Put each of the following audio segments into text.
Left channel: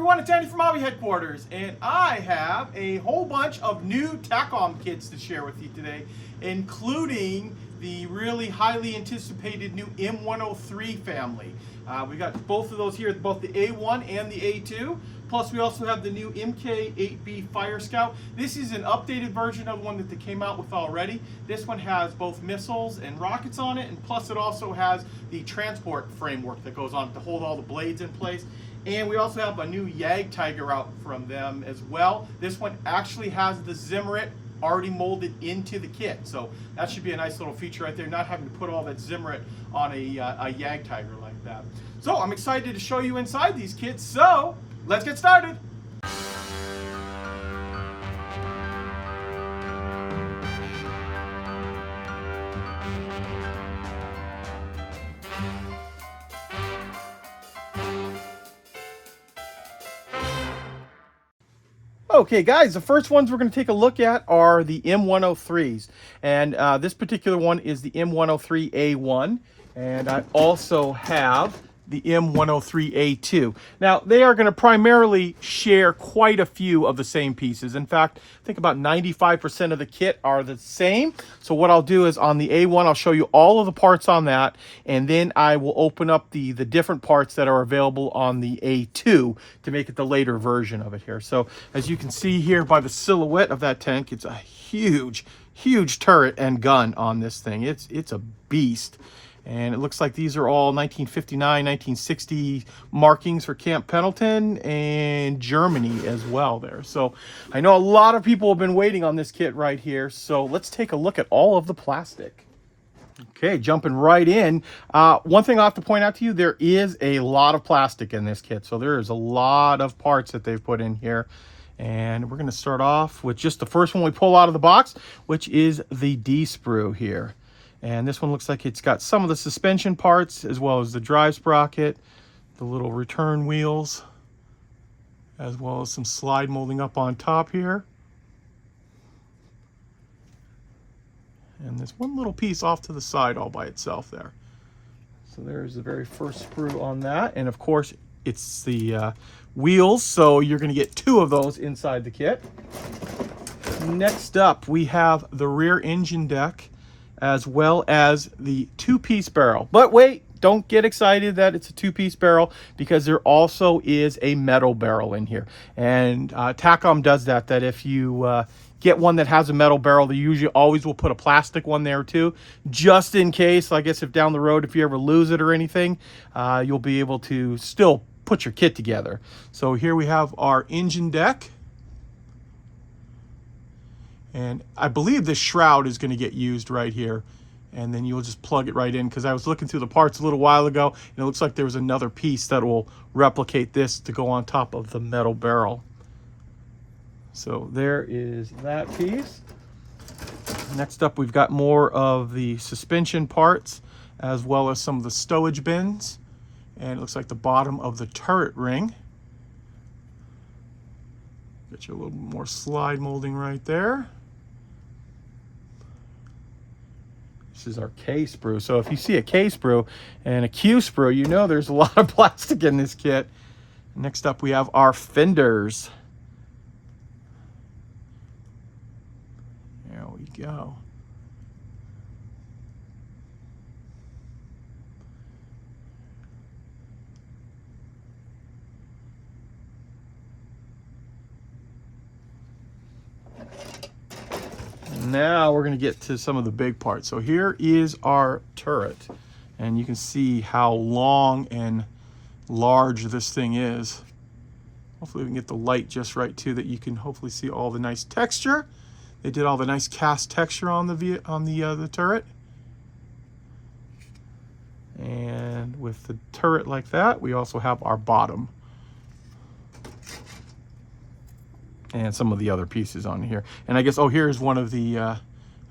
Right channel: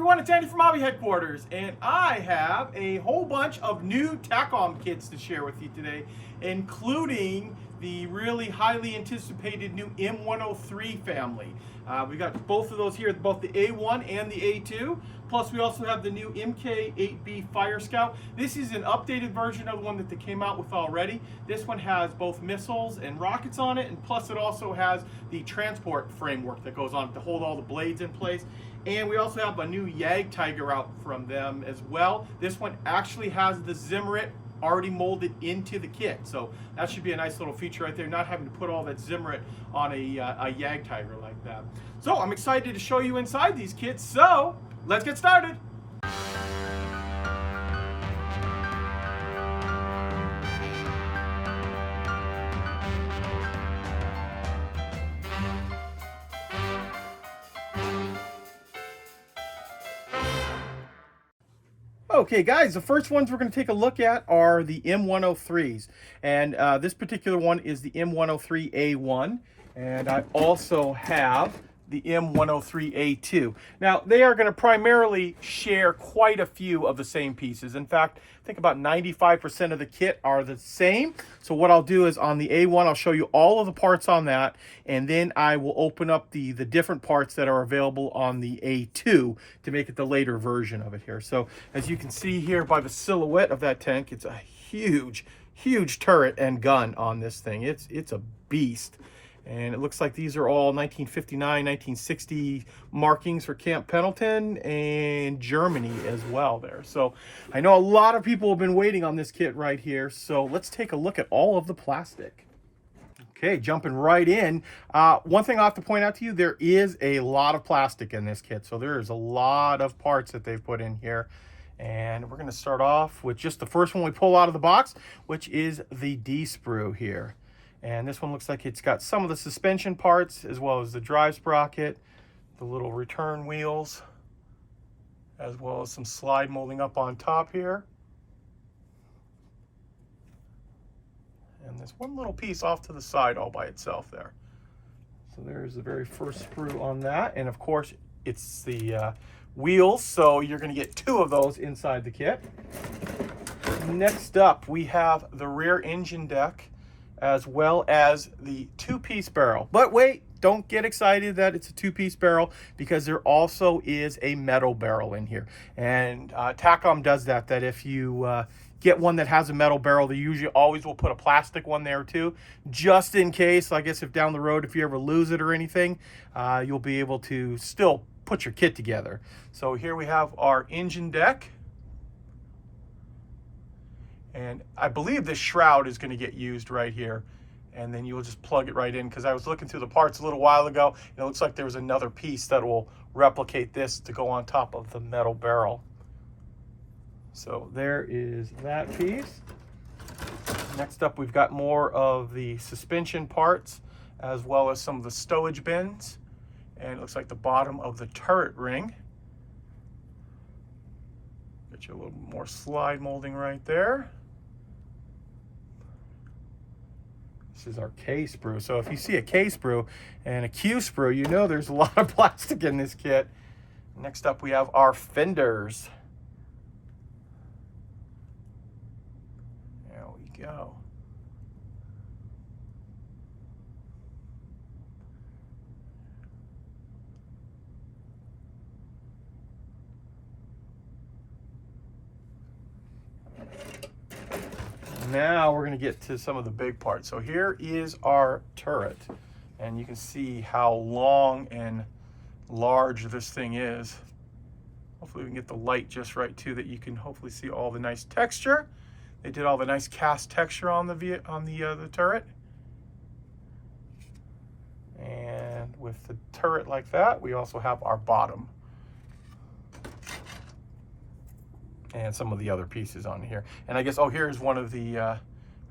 everyone, it's Andy from Hobby Headquarters, and I have a whole bunch of new Takom kits to share with you today, including the really highly anticipated new M103 family. We got both of those here, both the A1 and the A2. Plus, we also have the new MK8B Fire Scout. This is an updated version of the one that they came out with already. This one has both missiles and rockets on it, and plus it also has the transport framework that goes on to hold all the blades in place. And we also have a new Jagdtiger out from them as well. This one actually has the Zimmerit already molded into the kit, so that should be a nice little feature right there, not having to put all that Zimmerit on a Jagdtiger like that. So I'm excited to show you inside these kits, so let's get started. Okay guys, the first ones we're going to take a look at are the M103s, and this particular one is the M103A1, and I also have the M103A2. Now, they are going to primarily share quite a few of the same pieces. In fact, I think about 95% of the kit are the same. So what I'll do is on the A1, I'll show you all of the parts on that, and then I will open up the different parts that are available on the A2 to make it the later version of it here. So as you can see here by the silhouette of that tank, it's a huge, huge turret and gun on this thing. It's a beast. And it looks like these are all 1959, 1960 markings for Camp Pendleton and Germany as well there. So I know a lot of people have been waiting on this kit right here. So let's take a look at all of the plastic. Okay, jumping right in. One thing I have to point out to you, there is a lot of plastic in this kit. So there is a lot of parts that they've put in here. And we're going to start off with just the first one we pull out of the box, which is the D-sprue here. And this one looks like it's got some of the suspension parts as well as the drive sprocket, the little return wheels, as well as some slide molding up on top here. And there's one little piece off to the side all by itself there. So there's the very first sprue on that. And of course, it's the wheels, so you're going to get two of those inside the kit. Next up, we have the rear engine deck, as well as the two-piece barrel. But wait, don't get excited that it's a two-piece barrel, because there also is a metal barrel in here. And Takom does that if you get one that has a metal barrel, they usually always will put a plastic one there too, just in case. I guess if down the road, if you ever lose it or anything, you'll be able to still put your kit together. So here we have our engine deck. And I believe this shroud is going to get used right here. And then you'll just plug it right in, because I was looking through the parts a little while ago, and it looks like there was another piece that will replicate this to go on top of the metal barrel. So there is that piece. Next up, we've got more of the suspension parts, as well as some of the stowage bins. And it looks like the bottom of the turret ring. Get you a little more slide molding right there. This is our K sprue. So if you see a K sprue and a Q sprue, you know there's a lot of plastic in this kit. Next up, we have our fenders. There we go. Now we're going to get to some of the big parts. So here is our turret, and you can see how long and large this thing is. Hopefully we can get the light just right too, that you can hopefully see all the nice texture. They did all the nice cast texture on the turret. And with the turret like that, we also have our bottom. And some of the other pieces on here. And I guess, oh, here's one of the, I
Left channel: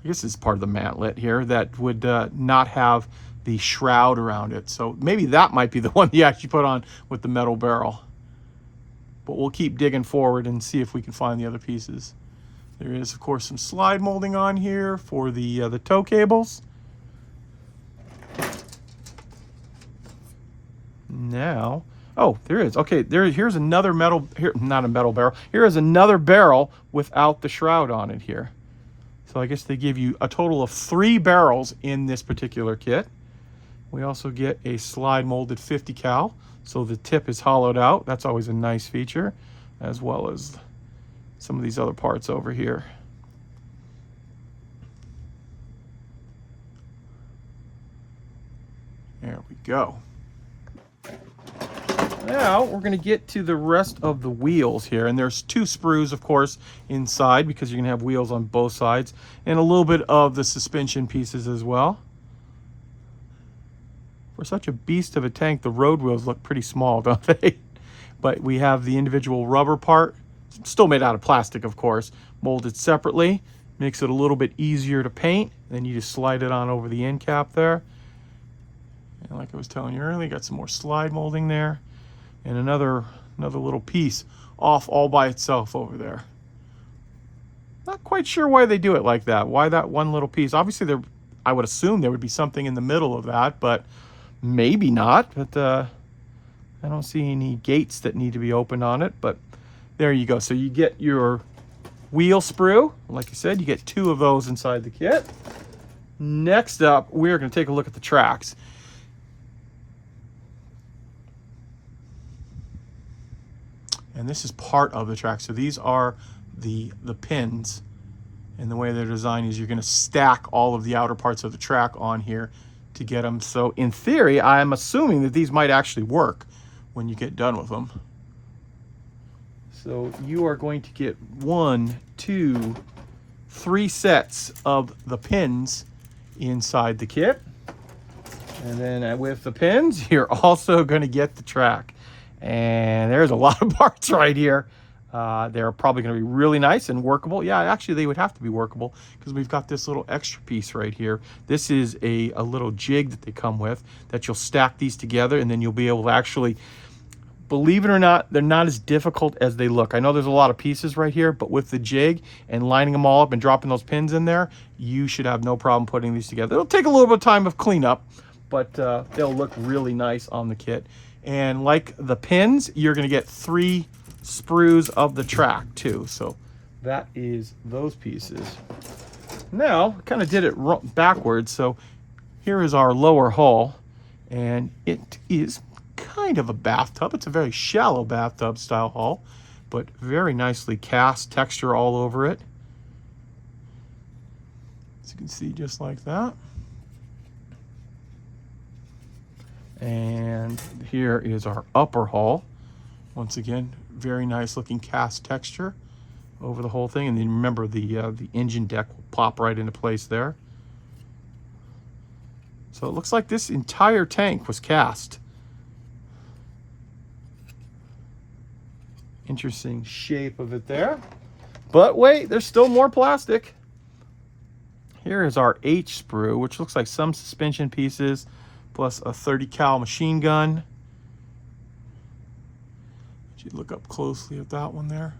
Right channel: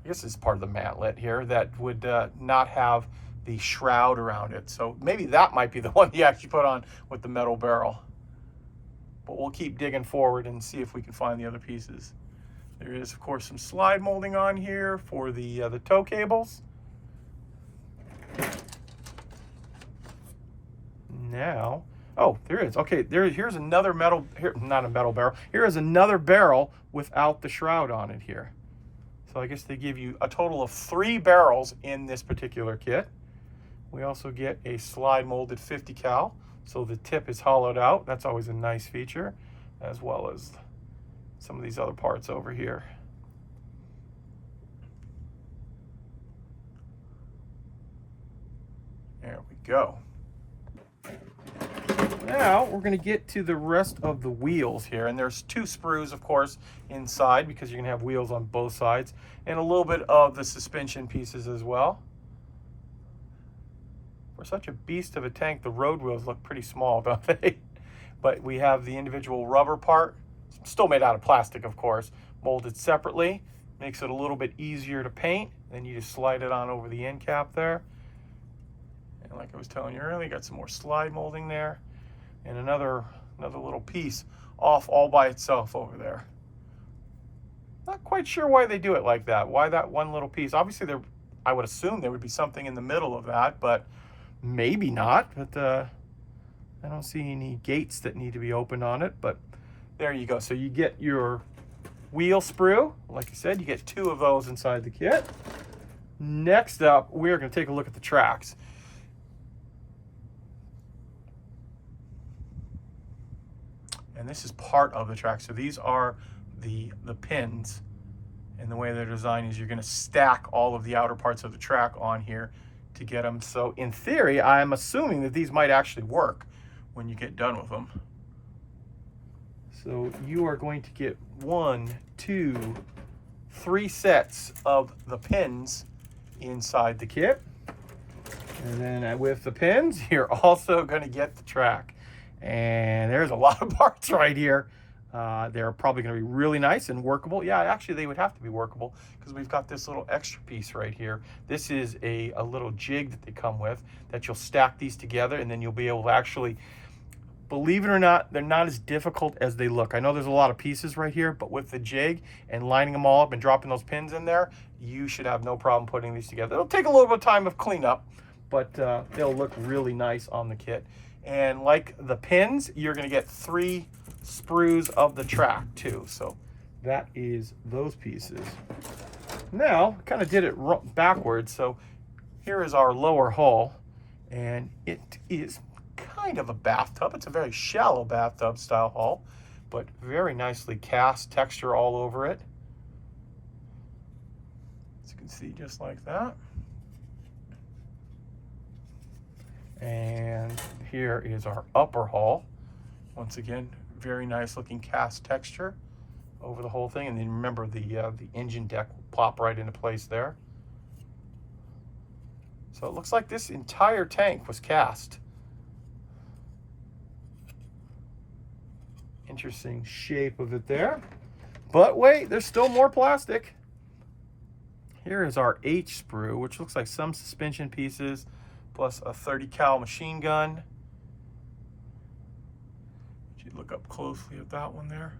guess it's part of the mantlet here that would not have the shroud around it. So maybe that might be the one you actually put on with the metal barrel. But we'll keep digging forward and see if we can find the other pieces. There is, of course, some slide molding on here for the tow cables. Now, Oh, there is. Okay, here's another metal, here, not a metal barrel. Here is another barrel without the shroud on it here. So I guess they give you a total of 3 barrels in this particular kit. We also get a slide molded 50 cal, so the tip is hollowed out. That's always a nice feature, as well as some of these other parts over here. There we go. Now we're going to get to the rest of the wheels here, and there's 2 sprues, of course, inside, because you're going to have wheels on both sides, and a little bit of the suspension pieces as well. For such a beast of a tank, the road wheels look pretty small, don't they? But we have the individual rubber part, still made out of plastic, of course, molded separately. Makes it a little bit easier to paint. Then you just slide it on over the end cap there. And like I was telling you earlier, got some more slide molding there. And another little piece off all by itself over there. Not quite sure why they do it like that. Why that one little piece? Obviously, I would assume there would be something in the middle of that, but maybe not. But I don't see any gates that need to be opened on it. But there you go. So you get your wheel sprue. Like I said, you get 2 of those inside the kit. Next up, we're going to take a look at the tracks. And this is part of the track. So these are the pins. And the way they're designed is you're going to stack all of the outer parts of the track on here to get them. So in theory, I'm assuming that these might actually work when you get done with them. So you are going to get 1, 2, 3 sets of the pins inside the kit. And then with the pins, you're also going to get the track. And there's a lot of parts right here. They're probably going to be really nice and workable. Yeah, actually they would have to be workable because we've got this little extra piece right here. This is a little jig that they come with that you'll stack these together, and then you'll be able to actually, believe it or not, they're not as difficult as they look. I know there's a lot of pieces right here, but with the jig and lining them all up and dropping those pins in there, you should have no problem putting these together. It'll take a little bit of time of cleanup, but they'll look really nice on the kit. And like the pins, you're going to get 3 sprues of the track too. So that is those pieces. Now, kind of did it backwards. So here is our lower hull, and it is kind of a bathtub. It's a very shallow bathtub style hull, but very nicely cast, texture all over it. As you can see, just like that. And here is our upper hull. Once again, very nice looking cast texture over the whole thing. And then remember the engine deck will pop right into place there. So it looks like this entire tank was cast. Interesting shape of it there. But wait, there's still more plastic. Here is our H sprue, which looks like some suspension pieces, plus a 30 cal machine gun. You look up closely at that one there.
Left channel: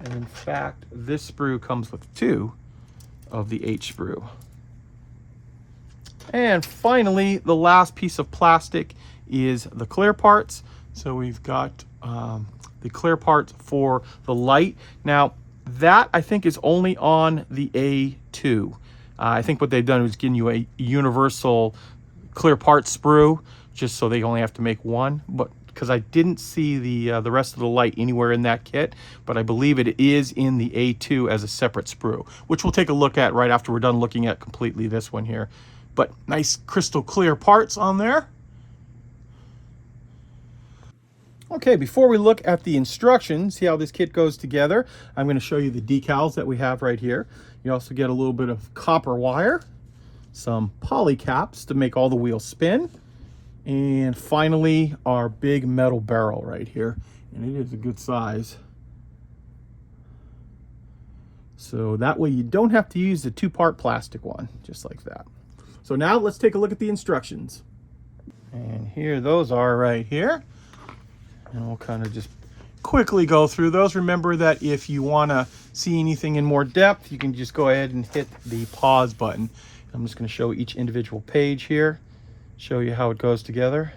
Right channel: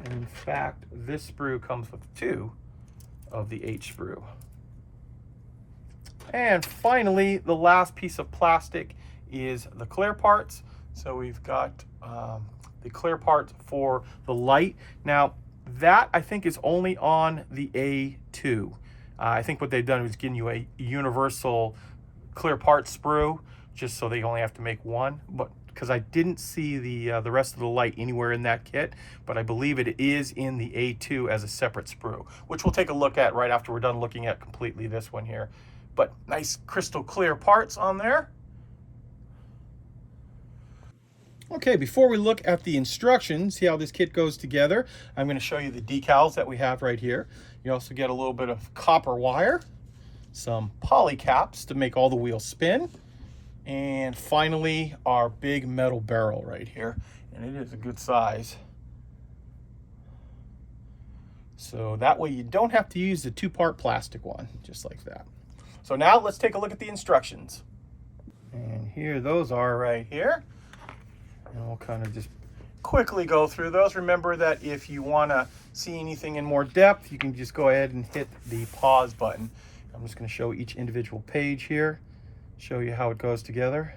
And in fact, this sprue comes with 2 of the H sprue. And finally, the last piece of plastic is the clear parts. So we've got the clear parts for the light. Now, that I think is only on the A2. I think what they've done is giving you a universal clear part sprue, just so they only have to make 1. But because I didn't see the rest of the light anywhere in that kit, but I believe it is in the A2 as a separate sprue, which we'll take a look at right after we're done looking at completely this one here. But nice crystal clear parts on there. Okay, before we look at the instructions, see how this kit goes together, I'm going to show you the decals that we have right here. You also get a little bit of copper wire, some poly caps to make all the wheels spin, and finally our big metal barrel right here. And it is a good size. So that way you don't have to use the 2-part plastic one, just like that. So now let's take a look at the instructions. And here those are right here. And we'll kind of just quickly go through those. Remember that if you want to see anything in more depth, you can just go ahead and hit the pause button. I'm just going to show each individual page here, show you how it goes together.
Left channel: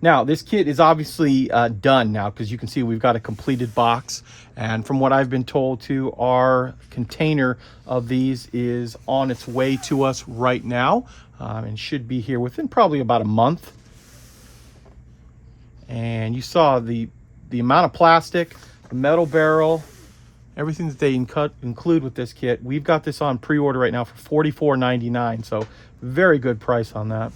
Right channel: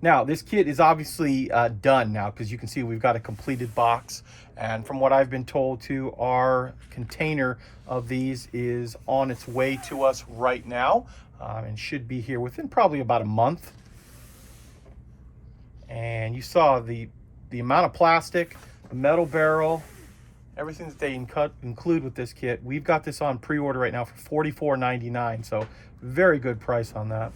Now, this kit is obviously done now, because you can see we've got a completed box. And from what I've been told too, our container of these is on its way to us right now, and should be here within probably about a month. And you saw the amount of plastic, the metal barrel, everything that they include with this kit. We've got this on pre-order right now for $44.99, so very good price on that.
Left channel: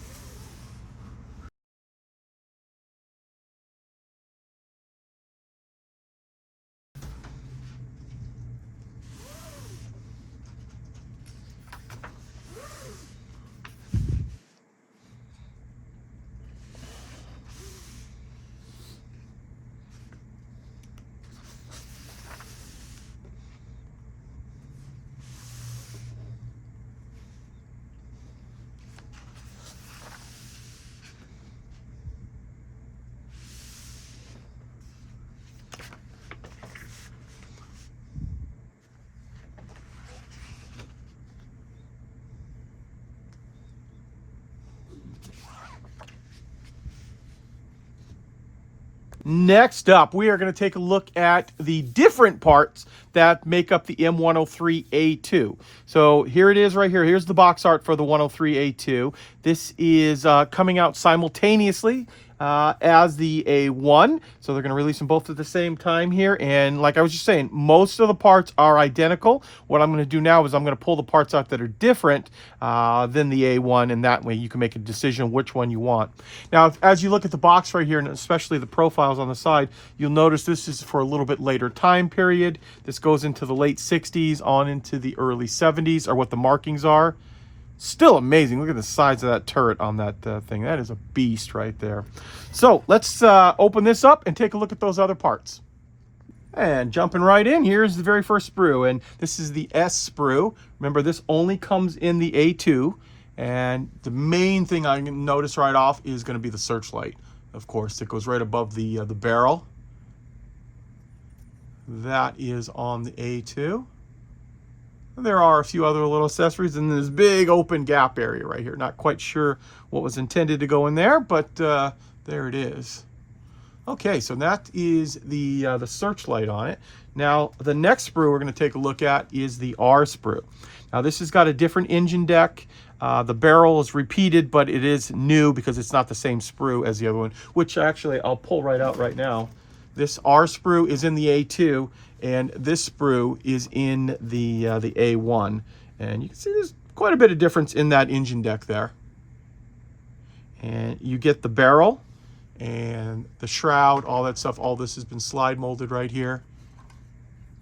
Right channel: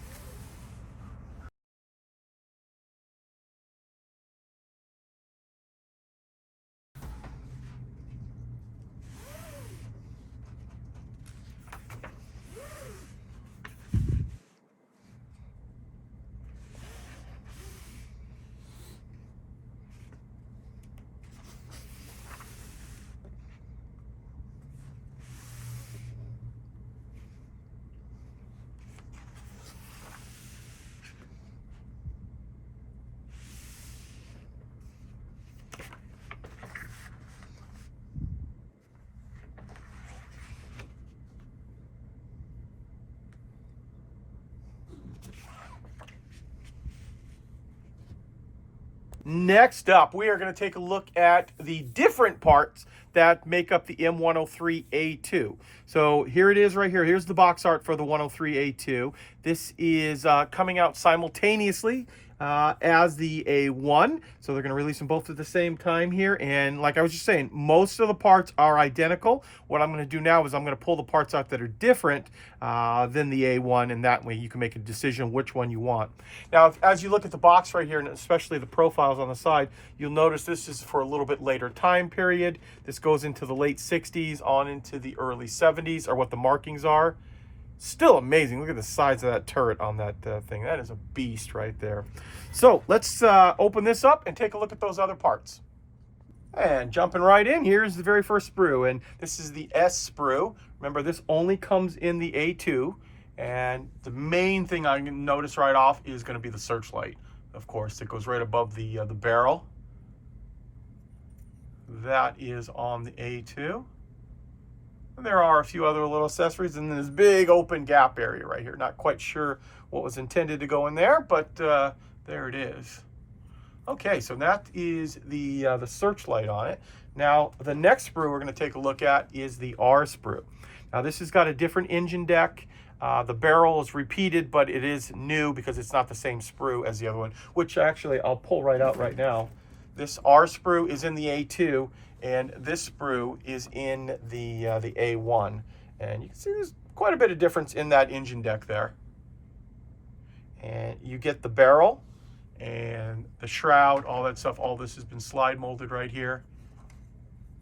Next up, we are going to take a look at the different parts that make up the M103A2. So here it is right here. Here's the box art for the 103A2. This is coming out simultaneously as the A1. So they're going to release them both at the same time here. And like I was just saying, most of the parts are identical. What I'm going to do now is I'm going to pull the parts out that are different than the A1, and that way you can make a decision which one you want. Now, as you look at the box right here, and especially the profiles on the side, you'll notice this is for a little bit later time period. This goes into the late 60s on into the early 70s, are what the markings are. Still amazing. Look at the size of that turret on that thing. That is a beast right there. So let's open this up and take a look at those other parts. And jumping right in, here's the very first sprue, and this is the S sprue. Remember, this only comes in the A2, and the main thing I can notice right off is going to be the searchlight. Of course, it goes right above the barrel. That is on the A2. There are a few other little accessories in this big open gap area right here. Not quite sure what was intended to go in there, but there it is. Okay, so that is the searchlight on it. Now, the next sprue we're going to take a look at is the R sprue. Now, this has got a different engine deck. The barrel is repeated, but it is new because it's not the same sprue as the other one, which actually I'll pull right out right now. This R sprue is in the A2, and this sprue is in the A1. And you can see there's quite a bit of difference in that engine deck there. And you get the barrel and the shroud, all that stuff. All this has been slide molded right here.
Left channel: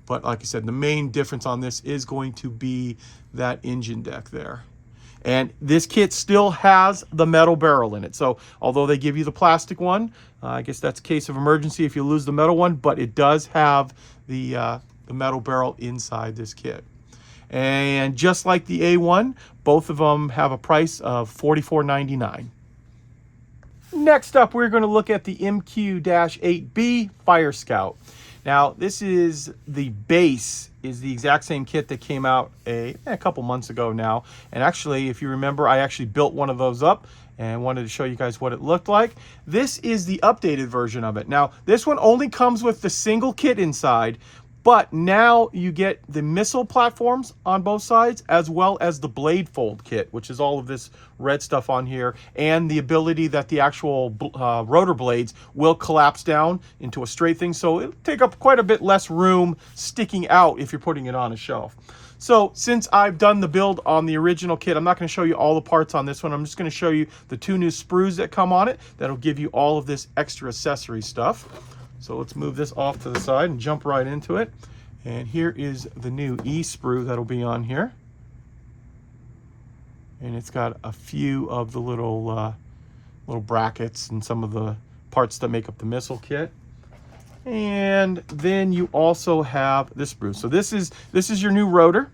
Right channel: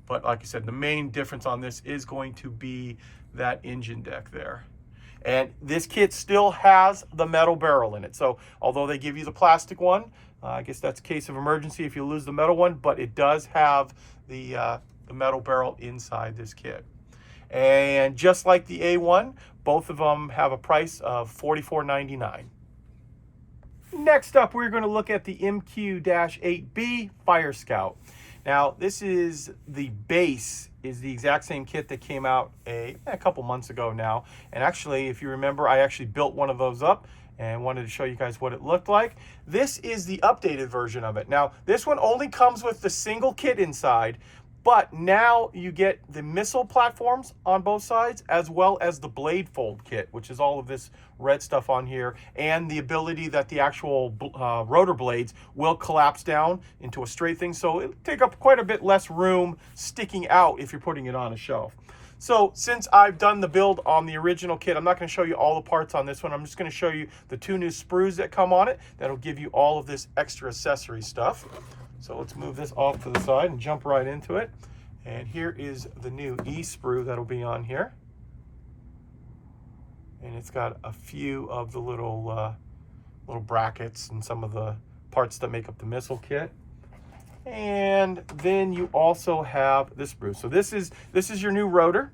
But like I said, the main difference on this is going to be that engine deck there. And this kit still has the metal barrel in it. So although they give you the plastic one, I guess that's a case of emergency if you lose the metal one, but it does have the metal barrel inside this kit. And just like the A1, both of them have a price of $44.99. Next up, we're going to look at the MQ-8B Fire Scout. Now, this is the base, is the exact same kit that came out a couple months ago now. And actually, if you remember, I actually built one of those up and wanted to show you guys what it looked like. This is the updated version of it. Now, this one only comes with the single kit inside, but now you get the missile platforms on both sides, as well as the blade fold kit, which is all of this red stuff on here, and the ability that the actual rotor blades will collapse down into a straight thing. So it'll take up quite a bit less room sticking out if you're putting it on a shelf. So since I've done the build on the original kit, I'm not going to show you all the parts on this one. I'm just going to show you the two new sprues that come on it. That'll give you all of this extra accessory stuff. So let's move this off to the side and jump right into it. And here is the new E sprue that'll be on here. And it's got a few of the little brackets and some of the parts that make up the missile kit. And then you also have this sprue. So this is your new rotor,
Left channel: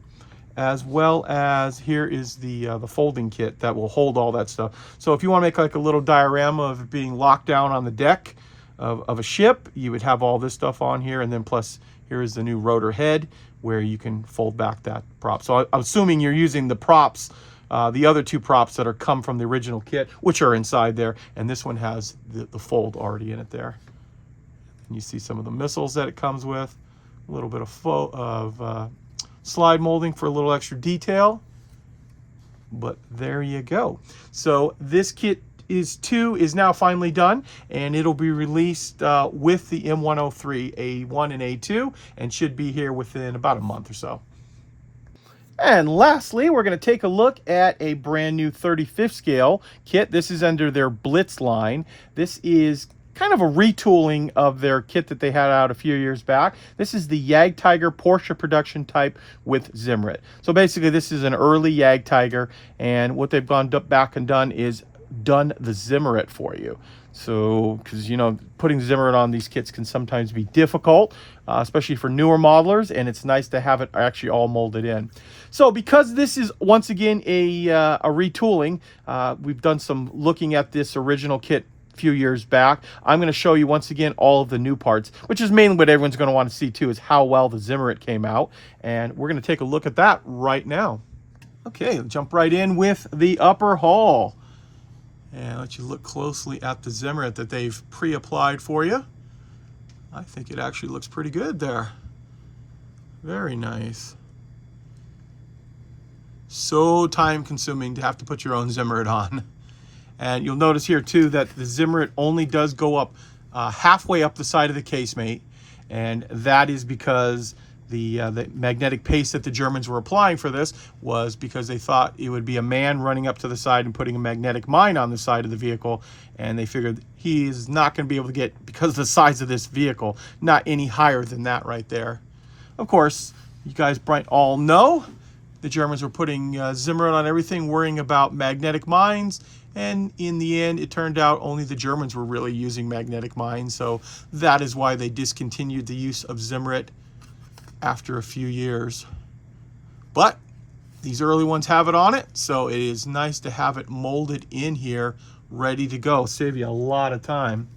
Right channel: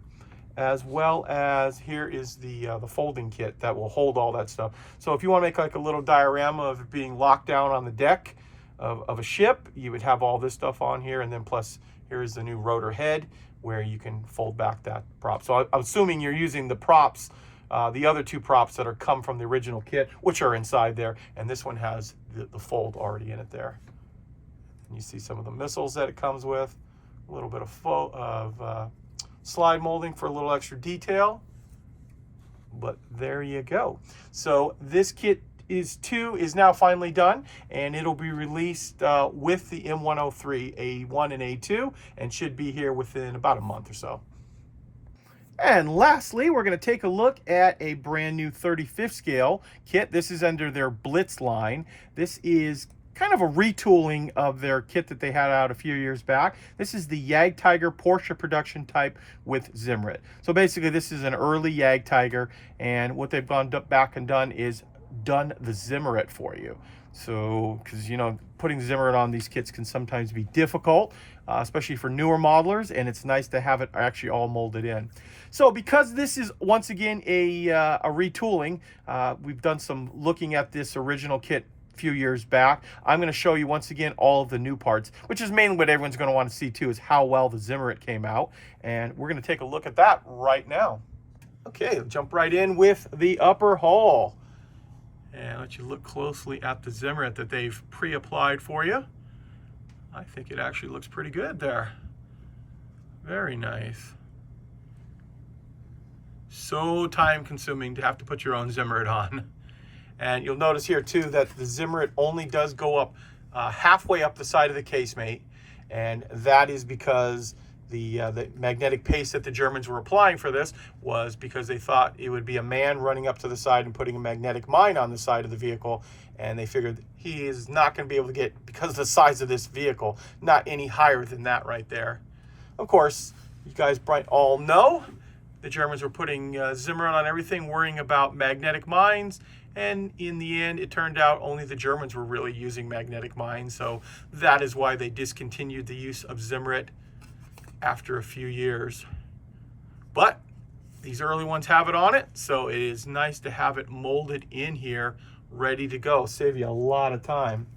as well as here is the folding kit that will hold all that stuff. So if you want to make like a little diorama of it being locked down on the deck of a ship, you would have all this stuff on here. And then plus here is the new rotor head where you can fold back that prop. So I'm assuming you're using the props the other two props that are come from the original kit, which are inside there, and this one has the fold already in it there. And you see some of the missiles that it comes with, a little bit of slide molding for a little extra detail. But there you go. So this kit is now finally done, and it'll be released with the M103 A1 and A2, and should be here within about a month or so. And lastly, we're going to take a look at a brand new 35th scale kit. This is under their Blitz line. This is kind of a retooling of their kit that they had out a few years back. This is the Jagdtiger Porsche production type with Zimmerit. So basically this is an early Jagdtiger, and what they've gone back and done is done the Zimmerit for you. So, because you know, putting Zimmerit on these kits can sometimes be difficult, especially for newer modelers, and it's nice to have it actually all molded in. So because this is once again a retooling, we've done some looking at this original kit few years back. I'm going to show you once again all of the new parts, which is mainly what everyone's going to want to see too, is how well the Zimmerit came out, and we're going to take a look at that right now. Okay, jump right in with the upper hull and let you look closely at the Zimmerit that they've pre-applied for you. I think it actually looks pretty good there. Very nice. So time consuming to have to put your own Zimmerit on. And you'll notice here too that the Zimmerit only does go up halfway up the side of the casemate, and that is because the magnetic paste that the Germans were applying for this was because they thought it would be a man running up to the side and putting a magnetic mine on the side of the vehicle, and they figured he is not going to be able to get, because of the size of this vehicle, not any higher than that right there. Of course, you guys might all know the Germans were putting Zimmerit on everything, worrying about magnetic mines, and in the end it turned out only the Germans were really using magnetic mines, so that is why they discontinued the use of Zimmerit after a few years. But these early ones have it on it, so it is nice to have it molded in here ready to go. Save you a lot of time.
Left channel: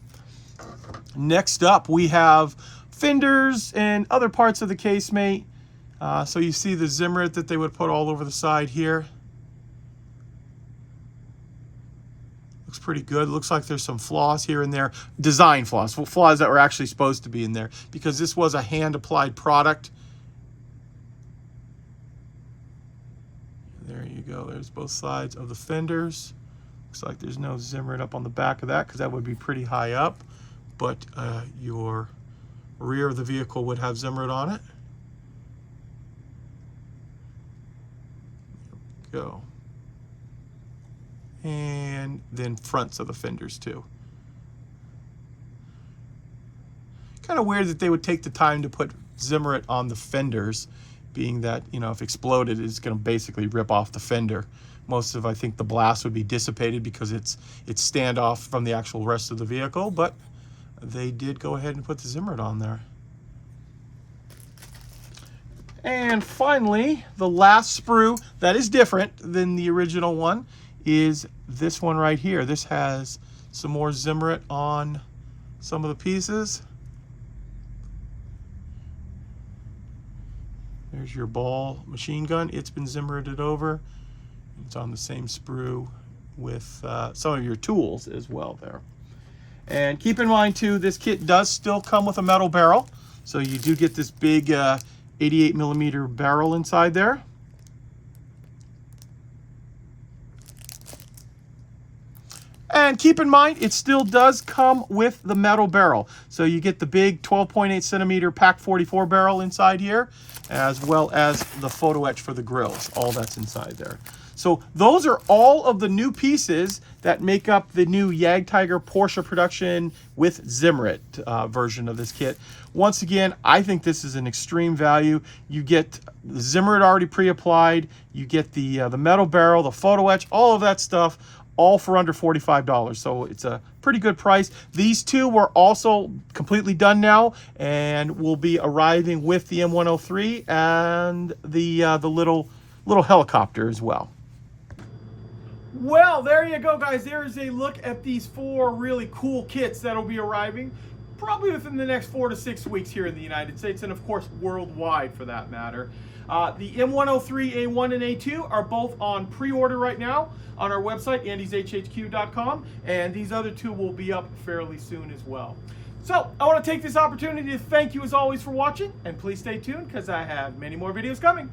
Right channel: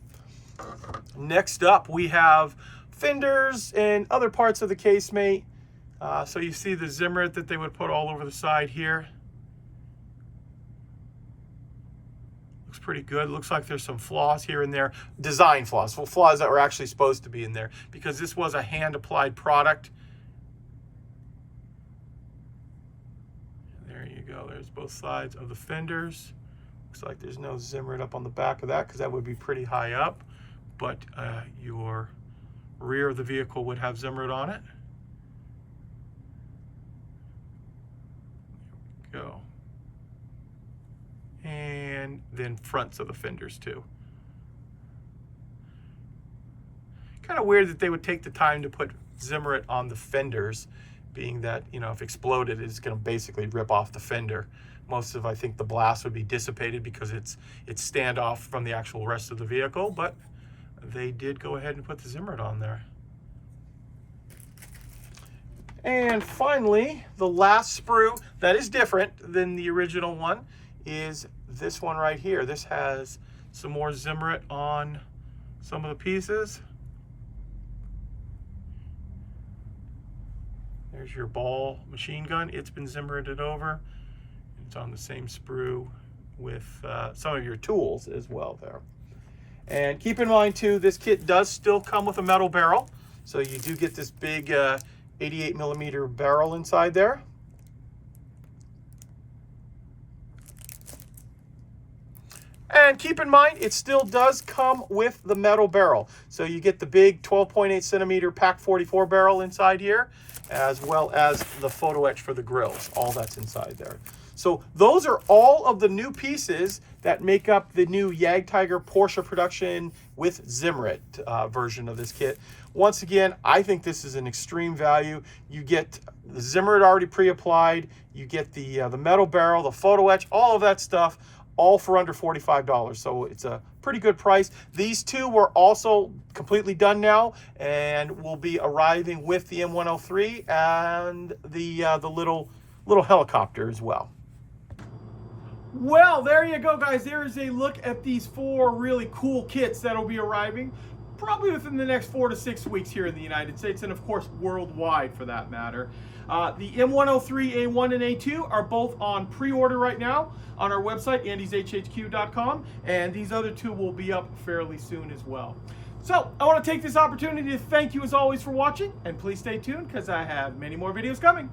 Next up we have fenders and other parts of the casemate. So you see the Zimmerit that they would put all over the side here. Looks pretty good. Looks like there's some flaws here and there. Design flaws. Flaws that were actually supposed to be in there, because this was a hand-applied product. There you go. There's both sides of the fenders. Looks like there's no Zimmerit up on the back of that, because that would be pretty high up. But your rear of the vehicle would have Zimmerit on it. There we go. And then fronts of the fenders too. Kind of weird that they would take the time to put Zimmerit on the fenders, being that, you know, if exploded, it's going to basically rip off the fender. Most of, I think, the blast would be dissipated because it's standoff from the actual rest of the vehicle, but they did go ahead and put the Zimmerit on there. And finally, the last sprue that is different than the original one is this one right here. This has some more Zimmerit on some of the pieces. There's your ball machine gun. It's been Zimmerited over. It's on the same sprue with some of your tools as well there. And keep in mind too, this kit does still come with a metal barrel. So you do get this big 88mm barrel inside there. And keep in mind, it still does come with the metal barrel. So you get the big 12.8 centimeter Pack 44 barrel inside here, as well as the photo etch for the grills. All that's inside there. So those are all of the new pieces that make up the new Jagdtiger Porsche production with Zimmerit version of this kit. Once again, I think this is an extreme value. You get the Zimmerit already pre-applied, you get the metal barrel, the photo etch, all of that stuff, all for under $45. So it's a pretty good price. These two were also completely done now and will be arriving with the M103 and the little helicopter as well. Well, there you go, guys. There is a look at these 4 really cool kits that'll be arriving probably within the next 4 to 6 weeks here in the United States, and of course worldwide for that matter. The M103A1 and A2 are both on pre-order right now on our website, andyshhq.com, and these other two will be up fairly soon as well. So I want to take this opportunity to thank you as always for watching, and please stay tuned because I have many more videos coming.